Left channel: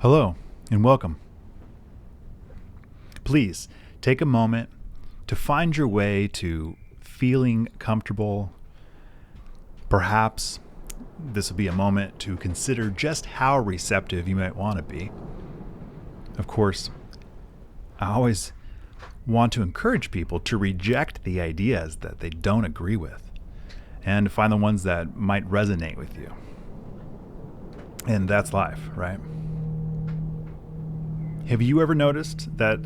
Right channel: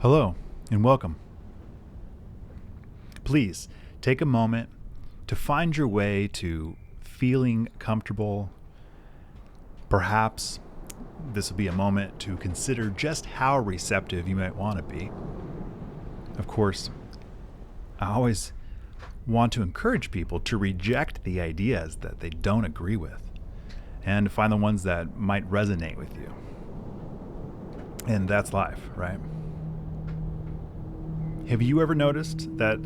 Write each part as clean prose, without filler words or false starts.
Hello and welcome. Please take a moment to find your way to feeling comfortable. Perhaps this will be a moment to consider just how receptive you might want to be. Of course, I always want to encourage people to reject the ideas that they don't agree with and to find the ones that might resonate with you. And that's life, right? Have you ever noticed that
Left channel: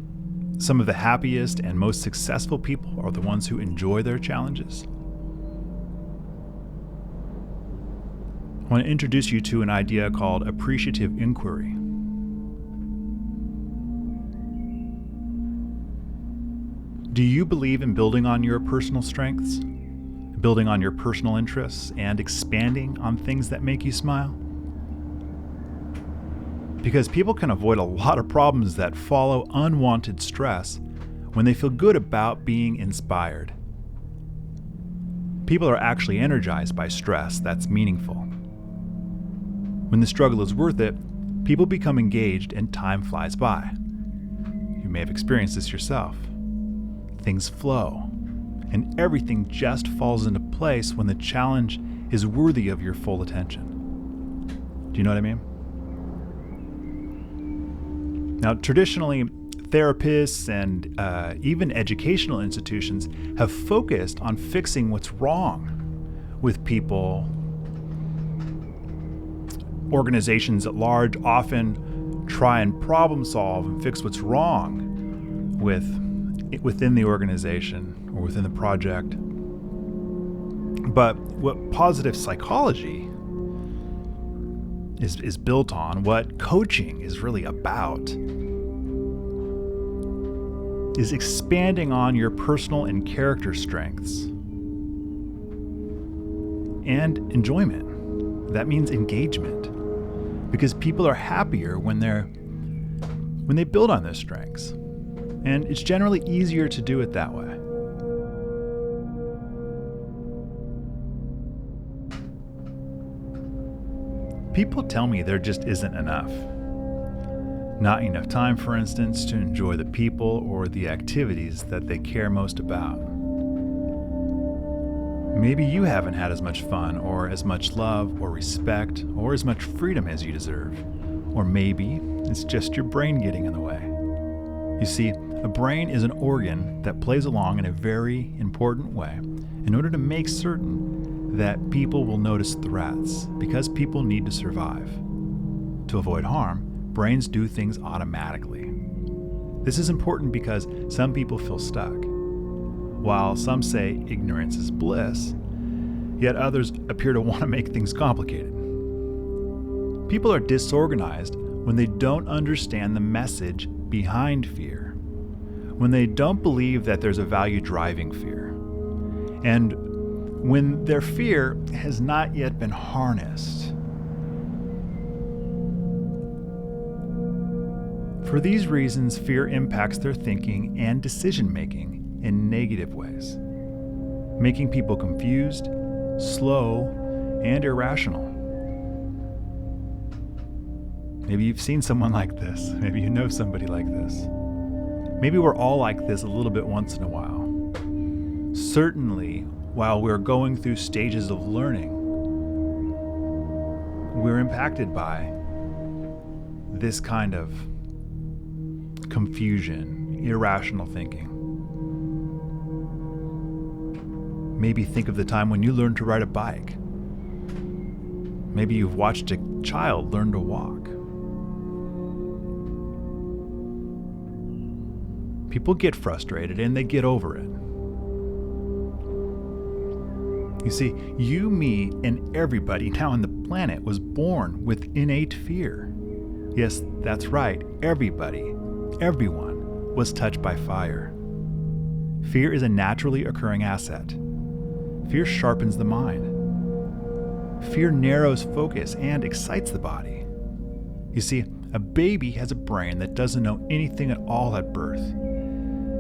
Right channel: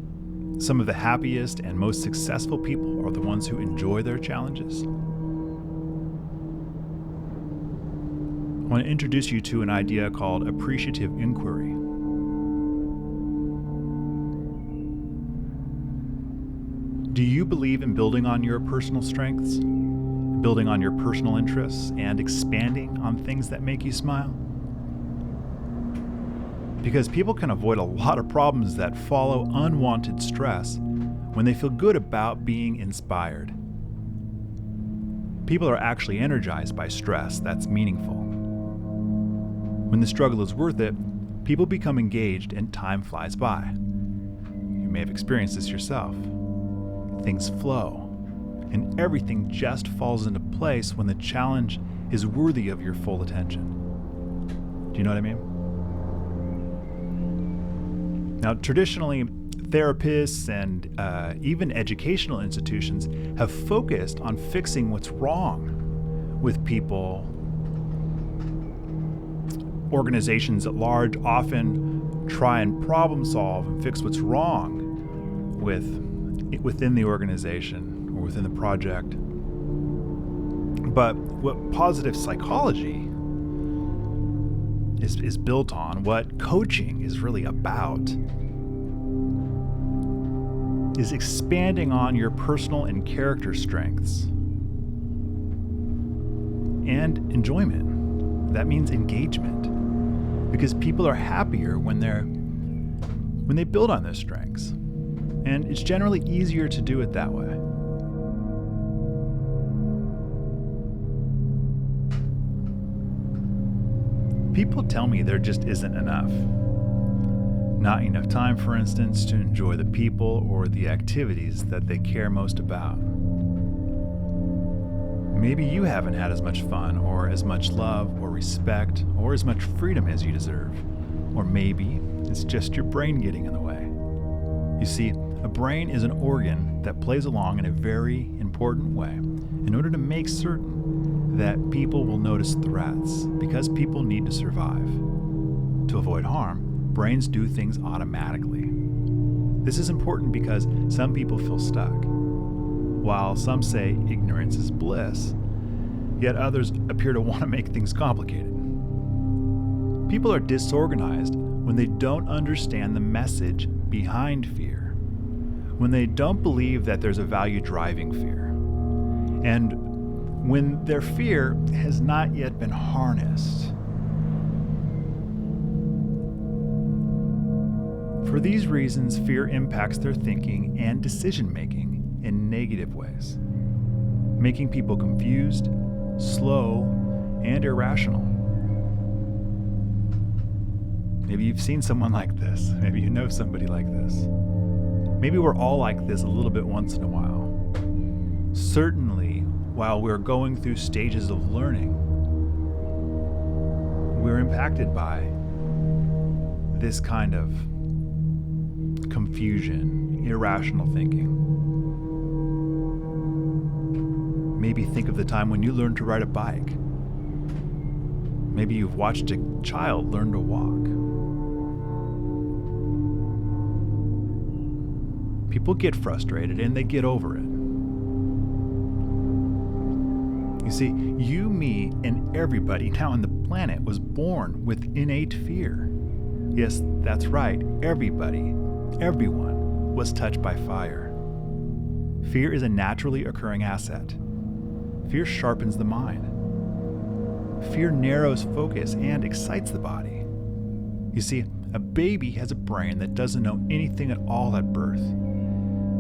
some of the happiest and most successful people are the ones who enjoy their challenges? I want to introduce you to an idea called Appreciative Inquiry. Do you believe in building on your personal strengths, building on your personal interests, and expanding on things that make you smile? Because people can avoid a lot of problems that follow unwanted stress when they feel good about being inspired. People are actually energized by stress that's meaningful. When the struggle is worth it, people become engaged and time flies by. You may have experienced this yourself. Things flow, and everything just falls into place when the challenge is worthy of your full attention. Do you know what I mean? Now, traditionally, therapists and even educational institutions have focused on fixing what's wrong with people. Organizations at large often try and problem solve and fix what's wrong within the organization or within the project. But what positive psychology is built on, what coaching is really about, is expanding on your personal and character strengths and enjoyment. That means engagement, because people are happier when they build on those strengths, and it's generally easier to do it that way. People tell me there just isn't enough. Not enough time, for instance, to enjoy the people or the activities that they care most about. Maybe you haven't had as much fun or as much love or respect or as much freedom as you deserve. Or maybe it's just your brain getting in the way. You see, a brain is an organ that plays along in a very important way in order to make certain that people will notice threats, because people need to survive. To avoid harm, brains do things automatically. This is important because some people feel stuck, while some say ignorance is bliss, yet others appear to want to make things complicated. People are disorganized when they don't understand the message behind fear, when they don't believe that there's a value driving fear, and when their fear has not yet been harnessed. For these reasons, fear impacts their thinking and decision-making in negative ways, making people confused, slow, and irrational. Maybe you've seen someone like this. Maybe you know somebody like this. Maybe we're all like this a little bit once in a while. Certainly, while we're going through stages of learning, we're impacted by this kind of confusion, irrational thinking. Maybe think of the time when you learned to ride a bike. Maybe you've watched a child learn to walk. People get frustrated and they get over it. You see, you, me, and everybody now on the planet was born with innate fear. Yes, that's right, everybody, everyone was touched by fire. Fear is a naturally occurring asset. Fear sharpens the mind. Fear narrows focus and excites the body. You see, a baby has a brain that doesn't know anything at all at birth,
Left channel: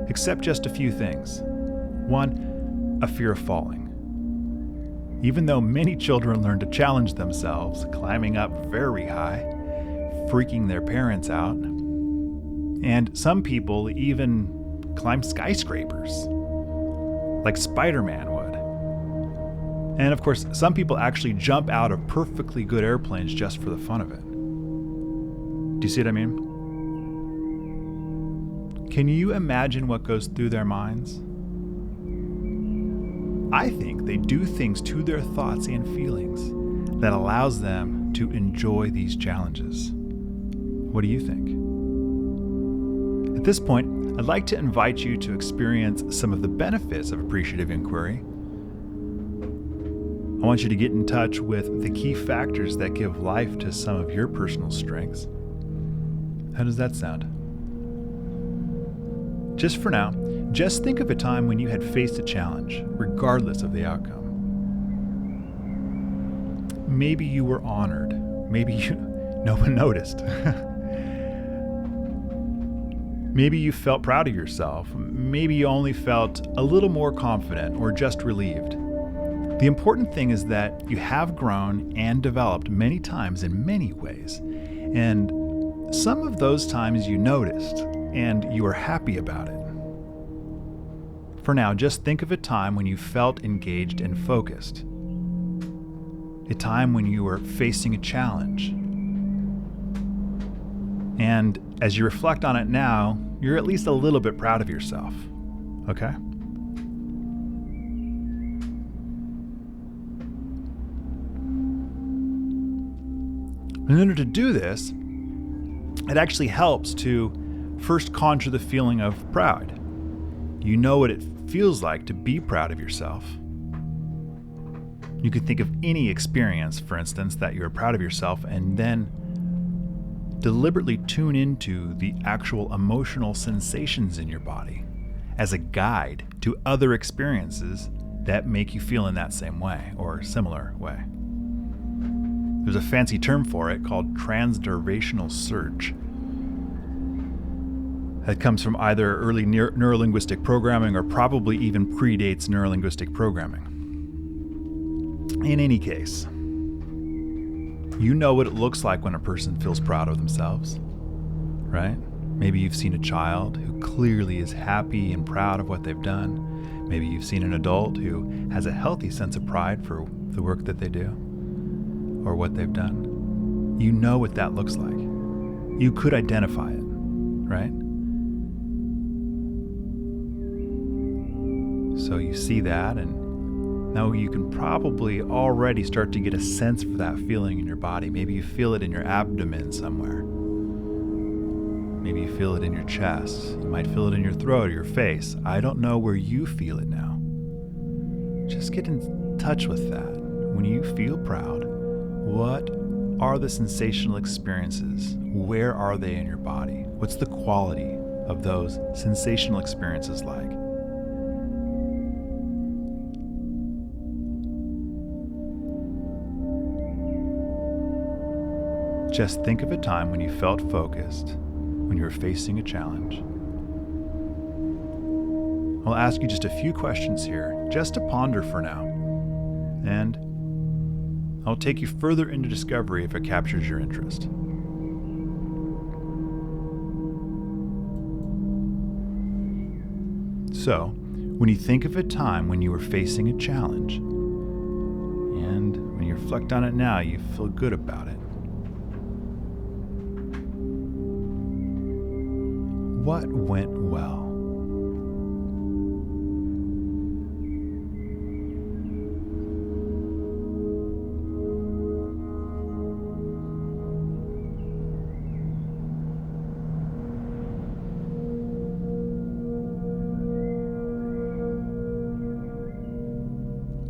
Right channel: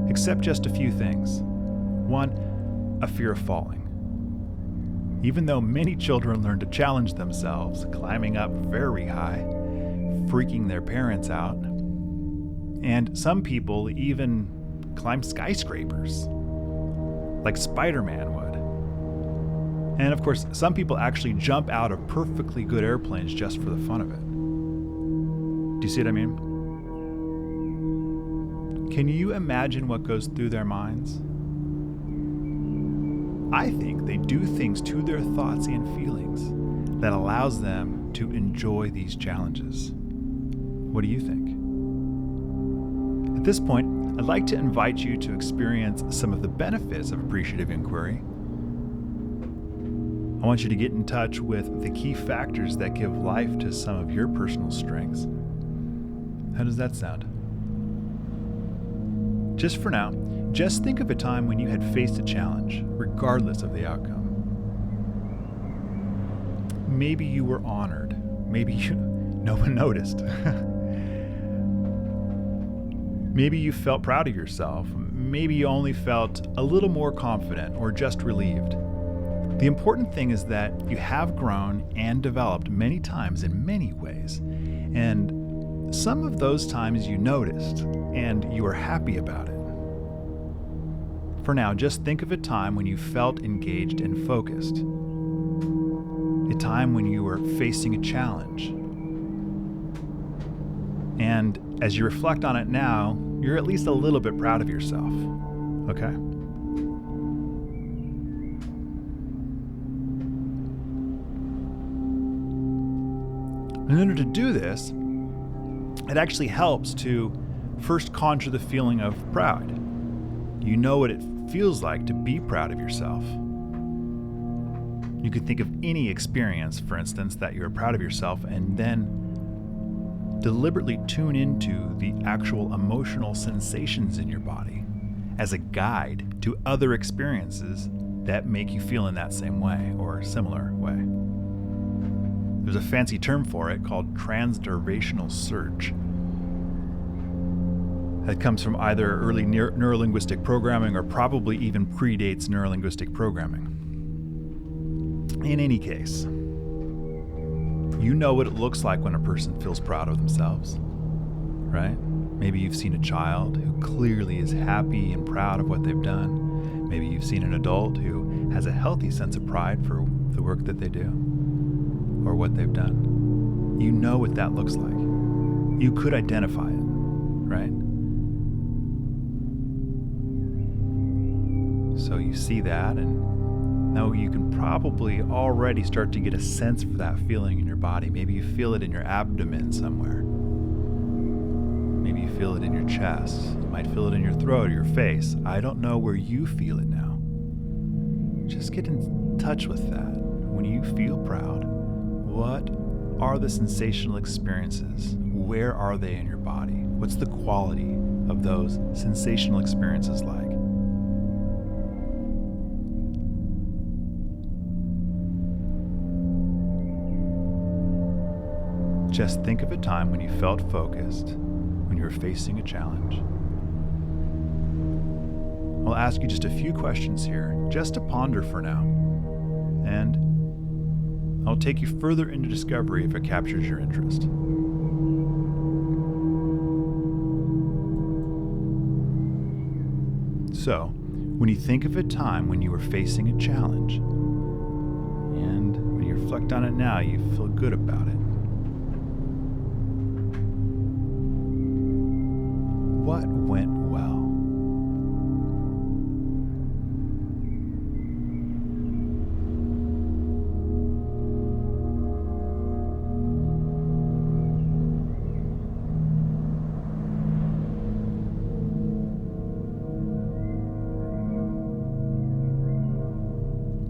except just a few things. One, a fear of falling. Even though many children learn to challenge themselves, climbing up very high, freaking their parents out. And some people even climb skyscrapers, like Spider-Man would. And of course, some people actually jump out of perfectly good airplanes just for the fun of it. Do you see what I mean? Can you imagine what goes through their minds? I think they do things to their thoughts and feelings that allows them to enjoy these challenges. What do you think? At this point, I'd like to invite you to experience some of the benefits of appreciative inquiry. I want you to get in touch with the key factors that give life to some of your personal strengths. How does that sound? Just for now, just think of a time when you had faced a challenge, regardless of the outcome. Maybe you were honored. Maybe no one noticed. Maybe you felt proud of yourself. Maybe you only felt a little more confident or just relieved. The important thing is that you have grown and developed many times in many ways. And some of those times you noticed and you were happy about it. For now, just think of a time when you felt engaged and focused. A time when you were facing a challenge. And as you reflect on it now, you're at least a little bit proud of yourself. Okay? In order to do this, it actually helps to first conjure the feeling of pride. You know what it feels like to be proud of yourself. You could think of any experience, for instance, that you're proud of yourself, and then deliberately tune into the actual emotional sensations in your body as a guide to other experiences that make you feel in that same way or similar way. There's a fancy term for it called transdervational search. That comes from either early neurolinguistic programming or probably even predates neurolinguistic programming. In any case, you know what it looks like when a person feels proud of themselves, right? Maybe you've seen a child who clearly is happy and proud of what they've done. Maybe you've seen an adult who has a healthy sense of pride for the work that they do or what they've done. You know what that looks like. You could identify it, right? So you see that, and now you can probably already start to get a sense for that feeling in your body. Maybe you feel it in your abdomen somewhere. Maybe you feel it in your chest. You might feel it in your throat or your face. I don't know where you feel it now. Just get in touch with that. When you feel proud, what are the sensational experiences? Where are they in your body? What's the quality of those sensational experiences like? Just think of a time when you felt focused, when you were facing a challenge. I'll ask you just a few questions here, just to ponder for now. And I'll take you further into discovery if it captures your interest. So, when you think of a time when you were facing a challenge, and when you reflect on it now, you feel good about it. What went well?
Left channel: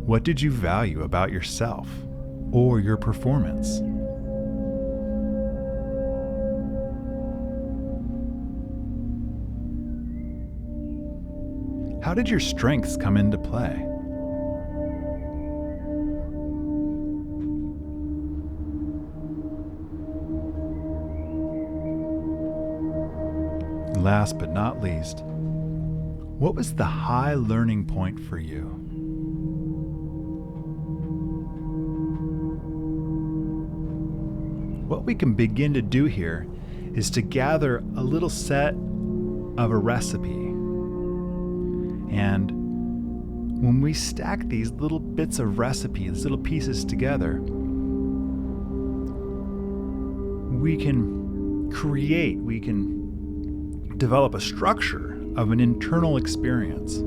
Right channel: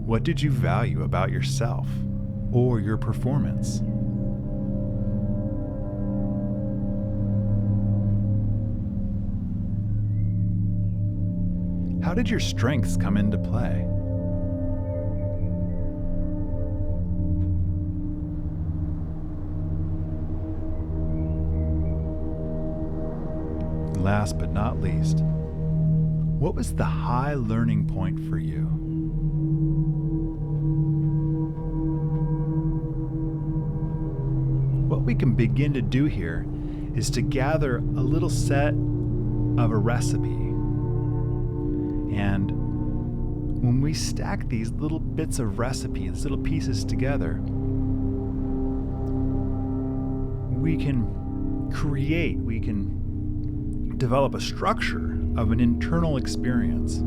What did you value about yourself or your performance? How did your strengths come into play? Last but not least, what was the high learning point for you? What what we can begin to do here is to gather a little set of a recipe. And when we stack these little bits of recipe, these little pieces together, we can develop a structure of an internal experience.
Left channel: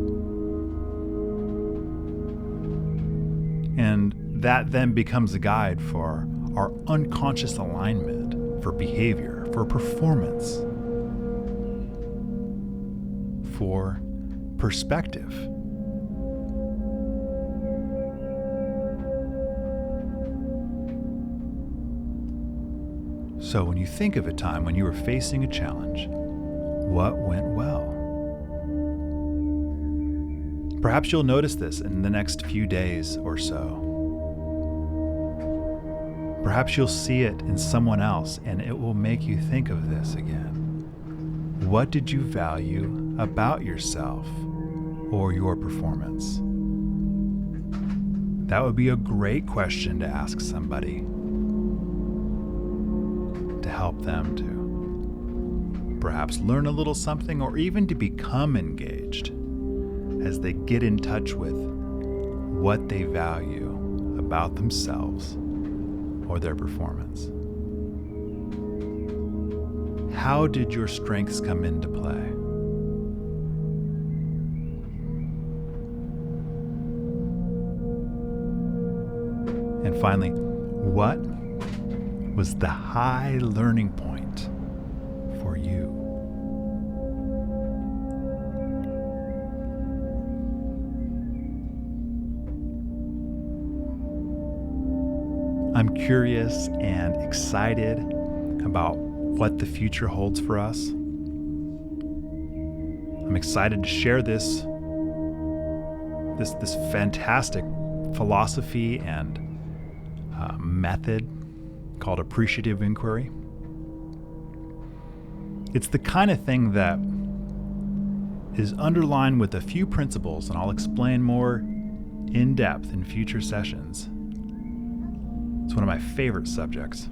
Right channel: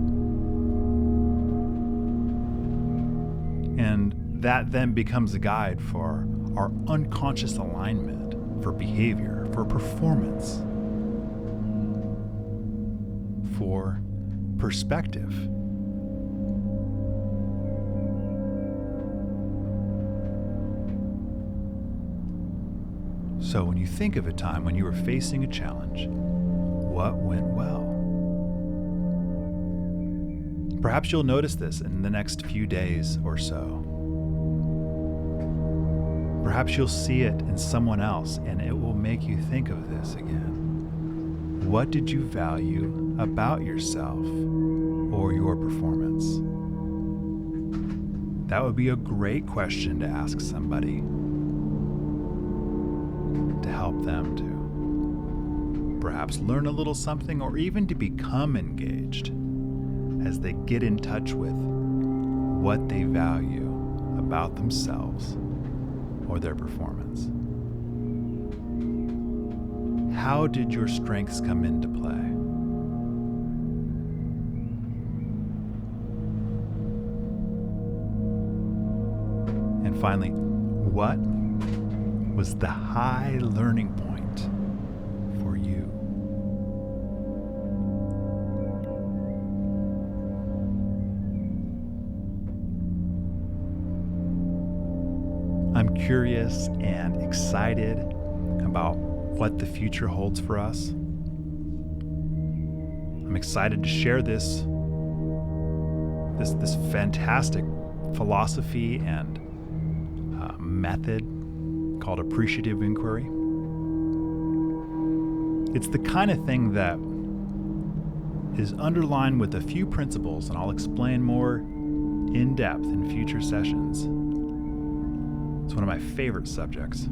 And that then becomes a guide for our unconscious alignment, for behavior, for performance, for perspective. So when you think of a time when you were facing a challenge, what went well? Perhaps you'll notice this in the next few days or so. Perhaps you'll see it in someone else and it will make you think of this again. What did you value about yourself or your performance? That would be a great question to ask somebody to help them to perhaps learn a little something or even to become engaged as they get in touch with what they value about themselves or their performance. How did your strengths come into play? And finally, what was the high learning point for you? I'm curious and excited about what the future holds for us. I'm excited to share this fantastic philosophy and method called Appreciative Inquiry. It's the kind of thing that is underlined with a few principles, and I'll explain more in depth in future sessions. It's one of my favorite subjects.